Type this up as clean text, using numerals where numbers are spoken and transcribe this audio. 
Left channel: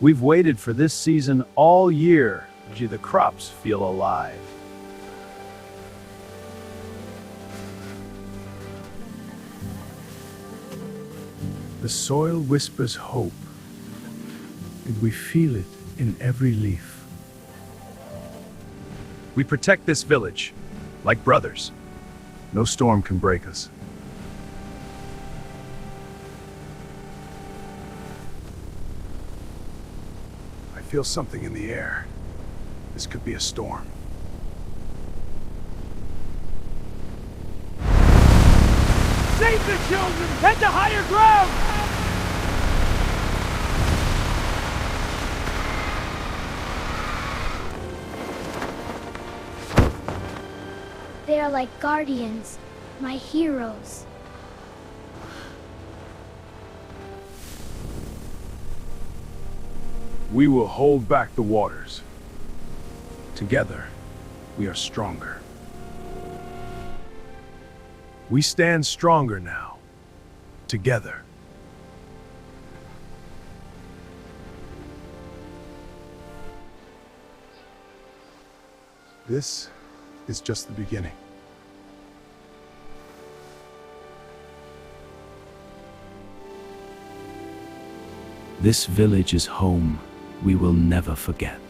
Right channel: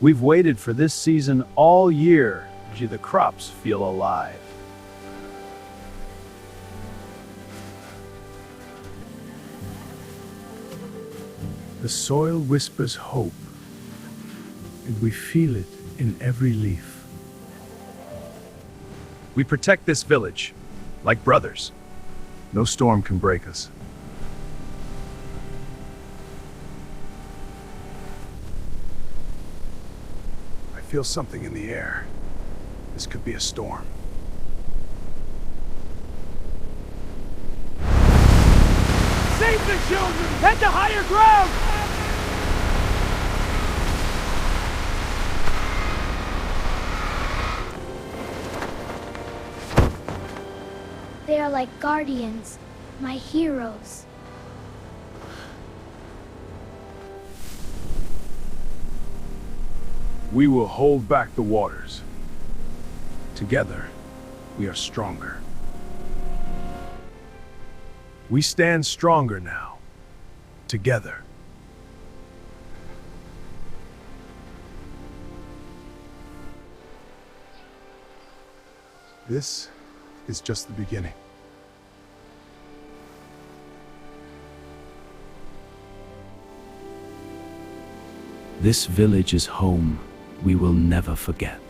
We've waited for this season all year. Gee, the crops feel alive. The soil whispers hope, and we feel it in every leaf. We protect this village, like brothers. No storm can break us. I feel something in the air. This could be a storm. Save the children! Head to higher ground! They are like guardians, my heroes. We will hold back the waters. Together, we are stronger. We stand stronger now. Together. This is just the beginning. This village is home we will never forget.